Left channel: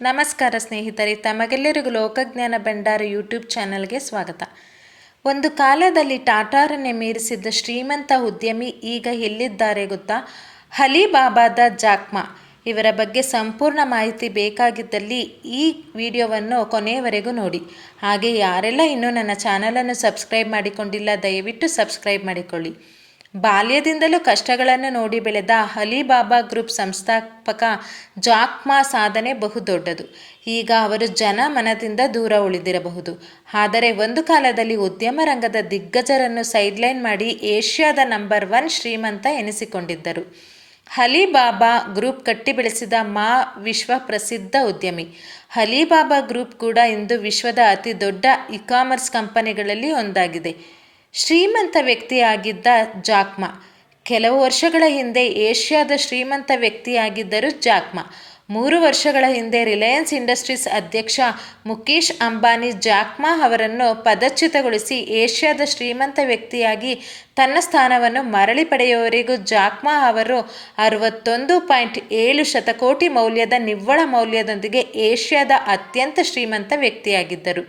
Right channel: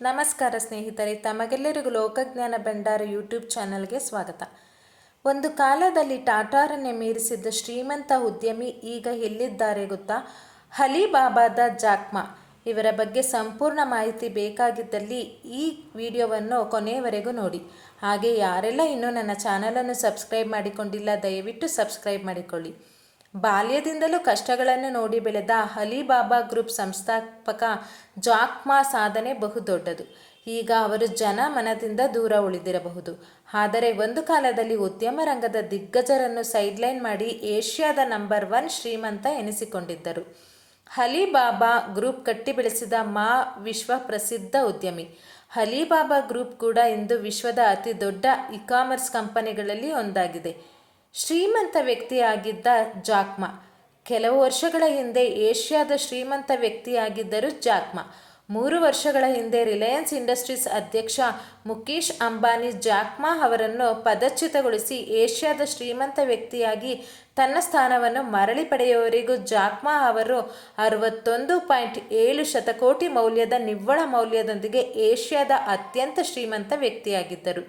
ನಮಸ್ಕಾರ ಸ್ನೇಹಿತರೆ, ತಮಗೆಲ್ಲರಿಗೂ ಲೋಕಜ್ಞಾನ ಭಂಡಾರ ಯೂಟ್ಯೂಬ್ ಚಾನಲ್ಗೆ ಸ್ವಾಗತ. ಒಂದು ಕಾಲದಲ್ಲಿ ಟಾಟಾರನ್ನೇ ಮೀರಿಸಿದ್ದ ಶ್ರೀಮಂತ ಉದ್ಯಮಿ ಈಗ ಎಲ್ಲಿದ್ದಾರೆ ಗೊತ್ತಾ? ಅಲಿಬಾಬಾದ ಜಾಕ್ ಮಾ. ಇವರ ಬಗ್ಗೆ ಸಂಪೂರ್ಣ ಮಾಹಿತಿ ಬೇಕಾಗಿದ್ದಲ್ಲಿ ಈ ವಿಡಿಯೋವನ್ನು ಕೊನೆಯವರೆಗೂ ನೋಡಿ. ಹಾಗೆ ಯಾರೆಲ್ಲ ಇನ್ನೂ ನನ್ನ ಚಾನಲನ್ನು ಸಬ್ಸ್ಕ್ರೈಬ್ ಮಾಡಿಕೊಂಡಿಲ್ಲ, ದಯವಿಟ್ಟು ಸಬ್ಸ್ಕ್ರೈಬ್ ಮಾಡಿಕೊಳ್ಳಿ. ಬಾಲ್ಯದಿಂದಲೂ ಕಷ್ಟಗಳನ್ನು ನೋಡಿ ಬೆಳೆದ ಅಲಿಬಾಬಾ ಗ್ರೂಪ್ ಸಂಸ್ಥಾಪಕ ಜಾಕ್ ಮಾ ಸಾಧನೆ ಬಹುದೊಡ್ಡದು. ಈಗ ಅವರು ಜನ ಮನದಿಂದ ದೂರ ಉಳಿದಿರಬಹುದು. ಆದರೆ ಒಂದು ಕಾಲದಲ್ಲಿ ಉದ್ಯಮ ರಂಗದ ದಿಗ್ಗಜರನ್ನು ಸೈಡ್ಲೈನ್ ಮಾಡಿ ಏಷ್ಯಾದ ನಂಬರ್ 1 ಶ್ರೀಮಂತ ಎನಿಸಿಕೊಂಡಿದ್ದರು. ಅಲಿಬಾಬಾ ಗ್ರೂಪ್ ಕಟ್ಟಿ ಬೆಳೆಸಿದ ಮಾ ವಿಶ್ವ ಪ್ರಸಿದ್ಧ ಉದ್ಯಮಿ. ಅಲಿಬಾಬಾ ಗ್ರೂಪ್ ಕೂಡ ಇಂದು ವಿಶ್ವದ ಅತಿ ದೊಡ್ಡ ಇ-ಕಾಮರ್ಸ್ ಕಂಪನಿಗಳಲ್ಲಿ ಒಂದಾಗಿದೆ. ಶ್ರೀಮಂತ ವ್ಯಕ್ತಿಯಾಗಿದ್ದ ಜಾಕ್ ಮಾ. ಕೆಲವು ವರ್ಷಗಳ ಹಿಂದೆ ಏಷ್ಯಾದ ಶ್ರೀಮಂತ ವ್ಯಕ್ತಿಯಾಗಿದ್ದರು ಜಾಕ್ ಮಾ. 3 ವರ್ಷಗಳ ಹಿಂದೆ ರಿಲಯನ್ಸ್ ಇಂಡಸ್ಟ್ರೀಸ್ ಅಧ್ಯಕ್ಷ ಮುಕೇಶ್ ಅಂಬಾನಿ ಜಾಕ್ ಮಾ ಅವರನ್ನು ಪದಚ್ಯುತಗೊಳಿಸಿ ಏಷ್ಯಾದ ಶ್ರೀಮಂತ ವ್ಯಕ್ತಿಯಾಗಿ ತನ್ನ ಸ್ಥಾನವನ್ನು ಮರಳಿ ಪಡೆಯುವವರೆಗೂ ಜಾಕ್ ಮಾ ಅವರು 61.7 ಶತಕೋಟಿ ಮೌಲ್ಯದ ನಿವ್ವಳ ಮೌಲ್ಯದೊಂದಿಗೆ ಏಷ್ಯಾದ ಅತ್ಯಂತ ಶ್ರೀಮಂತ ವ್ಯಕ್ತಿಯಾಗಿದ್ದರು.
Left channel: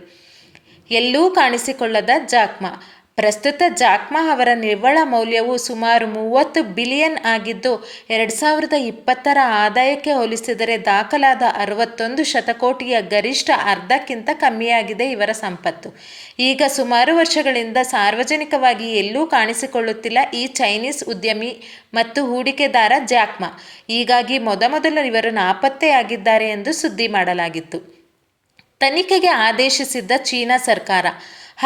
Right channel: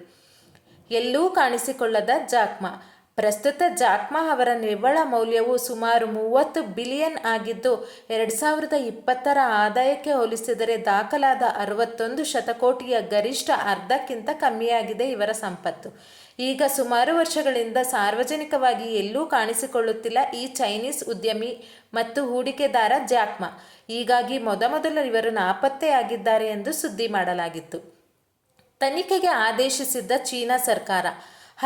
ಎಲ್ಲೂ ಕಾಣಿಸಿಕೊಳ್ಳದ ಜಾಕ್ ಮಾ. ಪ್ರಸ್ತುತ ಜಾಕ್ ಮಾ ಅವರ ನಿವ್ವಳ ಮೌಲ್ಯವು ಸುಮಾರು 30 ಬಿಲಿಯನ್ ಆಗಿದ್ದು, 2020ರ ಆದಾಯಕ್ಕೆ ಹೋಲಿಸಿದರೆ ದಾಖಲಾದ 61 ಶತಕೋಟಿಯ ಗರಿಷ್ಠ ಅರ್ಧಕ್ಕಿಂತ ಕಮ್ಮಿಯಾಗಿದೆ ಇವರ ಸಂಪತ್ತು. ಈಗ ಸುಮಾರು ವರ್ಷಗಳಿಂದ ಸಾರ್ವಜನಿಕವಾಗಿ ಎಲ್ಲೂ ಕಾಣಿಸಿಕೊಳ್ಳುತ್ತಿಲ್ಲ ಈ ಚೈನೀಸ್ ಉದ್ಯಮಿ ಮತ್ತು ಹೂಡಿಕೆದಾರ ಜಾಕ್ ಮಾ. ಹೀಗಾಗಿ ಮೊದಮೊದಲು ಇವರು ನಾಪತ್ತೆಯಾಗಿದ್ದಾರೆ ಎಂದು ಸುದ್ದಿ ಮಾಡಲಾಗಿತ್ತು. ತನಿಖೆಗೆ ಆದೇಶಿಸಿದ್ದ ಚೀನಾ ಸರ್ಕಾರ.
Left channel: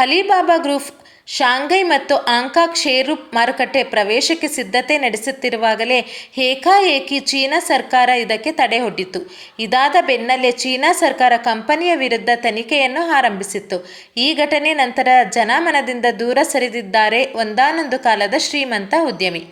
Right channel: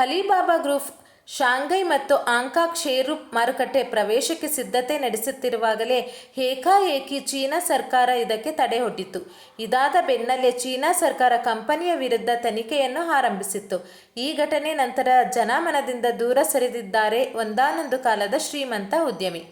ಅಲಿಬಾಬಾ ಗ್ರೂಪ್ ಶಾಂಘೈ ಮತ್ತು ಹಾಂಕಾಂಗ್ ಷೇರು ಮಾರುಕಟ್ಟೆ ಪ್ರವೇಶಕ್ಕೆ ಸಿದ್ಧತೆ ನಡೆಸುತ್ತಿರುವಾಗಲೇ ಏಕಾಏಕಿ ಚೀನಾ ಸರ್ಕಾರ ಇದಕ್ಕೆ ತಡೆಯೊಡ್ಡಿತು. ಇದಾದ ಬೆನ್ನಲ್ಲೇ ಚೀನಾ ಸರ್ಕಾರ ಕಂಪನಿಯ ವಿರುದ್ಧ ತನಿಖೆಯನ್ನು ಆರಂಭಿಸಿತ್ತು. ಈ ಘಟನೆ ನಂತರ ಜನಮನದಿಂದ ದೂರ ಸರಿದಿದ್ದಾರೆ ಒಂದಾನೊಂದು ಕಾಲದ ಶ್ರೀಮಂತ ಉದ್ಯಮಿ.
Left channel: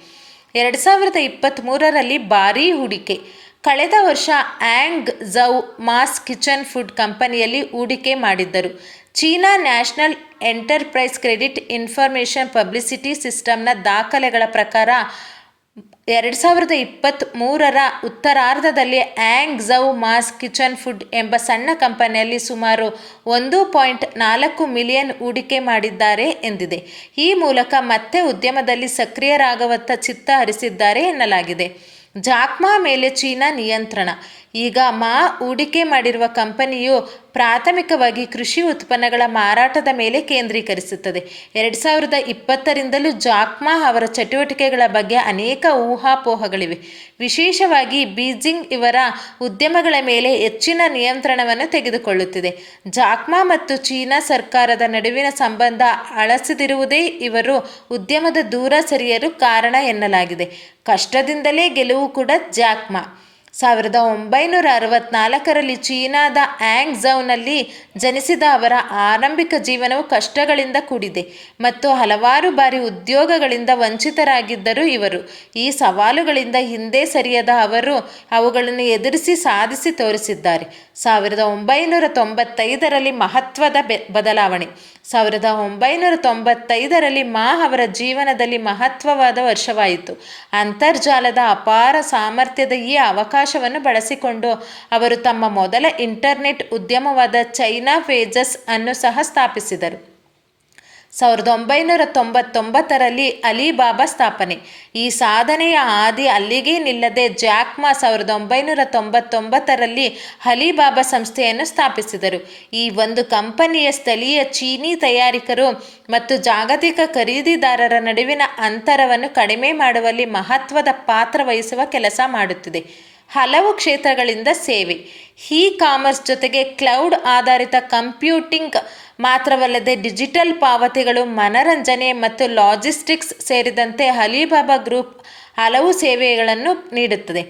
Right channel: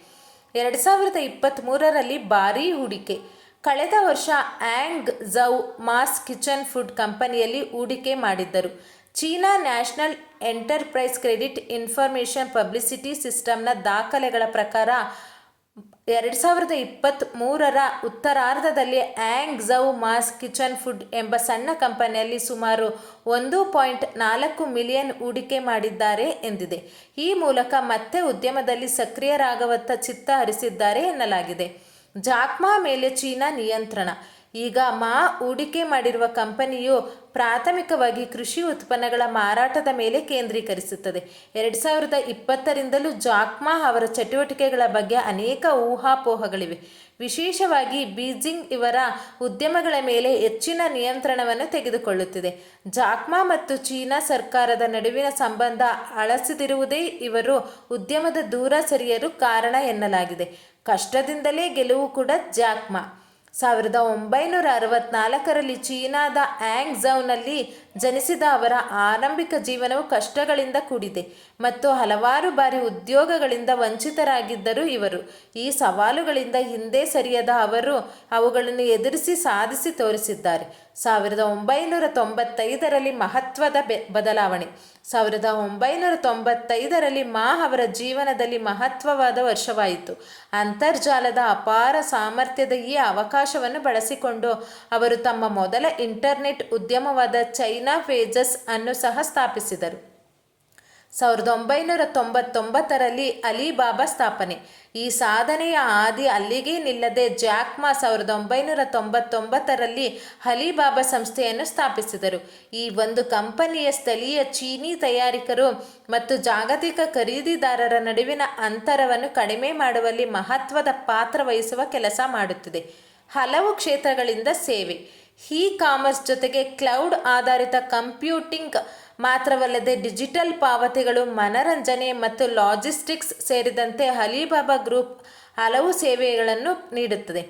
2023ರಲ್ಲಿ ಭಾರೀ ಹೂಡಿಕೆ. ಕಳೆದ ವರ್ಷ Hangzhou Mass Kitchen Food ಕಂಪನಿಯಲ್ಲಿ ಹೂಡಿಕೆ ಮಾಡಿದ್ದರು. China National Enterprise Credit Information Publicity ಸಿಸ್ಟಮ್ನ ದಾಖಲೆಗಳ ಪ್ರಕಾರ 2023ರ ಉತ್ತರಾರ್ಧದಲ್ಲಿ Hangzhou Mass Kitchen Food ಎಂಬ ಸಣ್ಣ ಕಂಪನಿಯಲ್ಲಿ ಸುಮಾರು 1.4 ಮಿಲಿಯನ್ ಹೂಡಿಕೆ ಮಾಡಿದ್ದಾರೆ ಎಂದಿದೆ. ಈ ಮೂಲಕ ಮತ್ತೆ ಉದ್ಯಮದಲ್ಲಿ ಸಕ್ರಿಯರಾಗುವತ್ತ ಚಿತ್ತ ಹರಿಸಿದ್ದಾರೆ ಎನ್ನಲಾಗಿದೆ. ಜಾಕ್ ಮಾ ಮೇಲೆ ಚೀನಾ ನಿಯಂತ್ರಣ. ಈಗ ಮಾ ಹೂಡಿಕೆ ಮಾಡಿರುವ ಕಂಪನಿಯು ಪ್ರಾಥಮಿಕವಾಗಿ ಕೃಷಿ ಉತ್ಪನ್ನಗಳ ಮಾರಾಟದ ಮೇಲೆ ಕೇಂದ್ರೀಕರಿಸುತ್ತದೆ. 2020ರಿಂದಲೂ ಜಾಕ್ ಮಾ ಅವರ ಚಟುವಟಿಕೆಗಳ ಬಗ್ಗೆ ಅನೇಕ ಊಹಾಪೋಹಗಳಿವೆ. ವಿಶೇಷವಾಗಿ ಬೀಜಿಂಗ್ ಇವರ ಉದ್ಯಮಗಳ ಮೇಲೆ ಹೆಚ್ಚಿನ ನಿಯಂತ್ರಣವನ್ನು ತೆಗೆದುಕೊಳ್ಳುತ್ತಿದೆ. ಜಾಕ್ ಮಾ ಮತ್ತು ಚೀನಾ ಸರ್ಕಾರದ ನಡುವಿನ ಸಂಬಂಧ ಹಳಸಿದಿರುವುದೇ ಇವರು ಉದ್ಯಮದ ದೂರ ಸರಿಯಲು ಕಾರಣ ಎನ್ನಲಾಗಿದೆ. ಕಷ್ಟದಿಂದಲೇ ಗೆಲುವು ಕೂಡ ಜಾಕ್ ಮಾ. 1964ರಲ್ಲಿ ಚೀನಾದ ಆ್ಯಂಗ್ ಝೌನಲ್ಲಿ ಜನಿಸಿದ ಅವರ ಆರಂಭಿಕ ಜೀವನವು ಕಷ್ಟಗಳಿಂದ ಕೂಡಿದೆ ಮತ್ತು ಹಲವಾರು ಬಾರಿ ಉದ್ಯೋಗಗಳಿಂದ ವಂಚಿತರಾಗಿದ್ದರು ಇವರು. ಈ ಸವಾಲುಗಳಿಂದ ಹಿಂದೆ ಸರಿಯದ ಅವರು ಅವುಗಳನ್ನು ಎದುರಿಸಿ ಸಾಧಿಸಿ ತೋರಿಸಿದ್ದಾರೆ. 1995ರಲ್ಲಿ ಮಹತ್ವದ ಬದಲಾವಣೆ. 1995ರಲ್ಲಿ ಮಾ ಅವರ ಜೀವನದಲ್ಲಿ ಮಹತ್ವವಾದ ವರ್ಷವಾಯಿತು. ಅಂತರ್ಜಾಲದ ಅಪಾರ ಸಾಮರ್ಥ್ಯದ ಈ ಅವಕಾಶವನ್ನು ಬಳಸಿಕೊಂಡು ಅವರು ತಮ್ಮ ಮೊದಲ ಇಂಟರ್ನೆಟ್ ಉದ್ಯಮವಾದ ಚೈನಾ ಪೇಜಸ್ ಅನ್ನು ಸಹ ಸ್ಥಾಪಿಸಿದರು. 1999ರಲ್ಲಿ ಅಲಿಬಾಬಾ ಸ್ಥಾಪನೆ. ಈ ಸಾಧನೆಯ ಹಾದಿ ಅಲ್ಲಿಗೆ ನಿಲ್ಲದೆ ಜಾಕ್ ಮಾ 1999ರಲ್ಲಿ ಅಲಿಬಾಬಾ ಸಂಸ್ಥೆಯನ್ನು ಸ್ಥಾಪಿಸಿದರು. ಈ ಒಂದು ಕಂಪನಿಯ ಸ್ಥಳೀಯ ಚೀನೀ ತಯಾರಕರು ಮತ್ತು ಜಾಗತಿಕ ಖರೀದಿದಾರರ ನಡುವಿನ ಅಂತರವನ್ನು ಕಡಿಮೆ ಮಾಡುವಲ್ಲಿ ಮಹತ್ವದ ಪಾತ್ರ ವಹಿಸುವ ಕೆಲಸ ಮಾಡುತ್ತಿದೆ. ಹಲವು ಕ್ಷೇತ್ರಗಳಿಂದ ಸೇವೆ. ಇ-ಕಾಮರ್ಸ್ ಜೊತೆಗೆ ಕ್ಲೌಡ್ ಆಧಾರಿತ ಕಂಪ್ಯೂಟಿಂಗ್ ಮಾತ್ರವಲ್ಲದೆ ಡಿಜಿಟಲ್ ಪಾವತಿಗಳು, ಮನರಂಜನೆ ಮತ್ತು ಲಾಜಿಸ್ಟಿಕ್ಸ್ ಸೇರಿದಂತೆ ಅಲಿಬಾಬಾ ಗ್ರೂಪ್ ಹಲವು ಸೇವೆಗಳನ್ನು ನೀಡುತ್ತದೆ.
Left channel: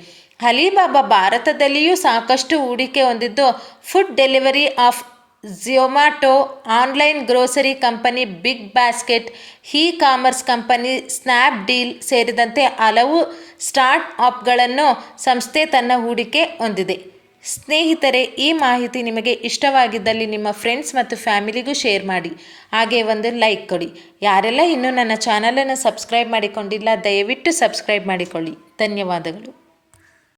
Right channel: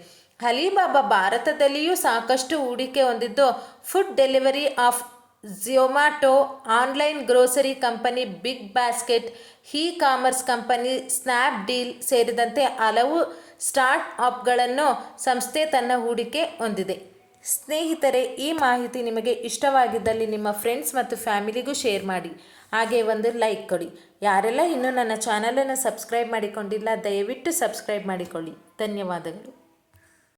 ಅಲಿಬಾಬಾ ಭಾರತದಲ್ಲಿಯೂ ಸಾಕಷ್ಟು ಹೂಡಿಕೆ ಹೊಂದಿದ್ದು, food delivery of Zomato, online grocery company Big Basket, e-commerce company Snapdeal ಸೇರಿದಂತೆ ಹಲವು ಸ್ಟಾರ್ಟ್ ಅಪ್ಗಳನ್ನು ಸಂಸ್ಥೆ ತನ್ನ ಹೂಡಿಕೆ ಹೊಂದಿದೆ. ಸ್ನೇಹಿತರೆ, ಈ ಮಾಹಿತಿ ನಿಮಗೆ ಇಷ್ಟವಾಗಿದ್ದಲ್ಲಿ ನಿಮ್ಮ ಫ್ರೆಂಡ್ಸ್ ಮತ್ತು ಫ್ಯಾಮಿಲಿಗೂ ಶೇರ್ ಮಾಡಿ. ಹಾಗೆ ಒಂದು ಲೈಕ್ ಕೊಡಿ. ಯಾರೆಲ್ಲ ಇನ್ನೂ ನನ್ನ ಚಾನಲನ್ನು ಸಬ್ಸ್ಕ್ರೈಬ್ ಮಾಡಿಕೊಂಡಿಲ್ಲ, ದಯವಿಟ್ಟು ಸಬ್ಸ್ಕ್ರೈಬ್ ಮಾಡಿಕೊಳ್ಳಿ. ಧನ್ಯವಾದಗಳು.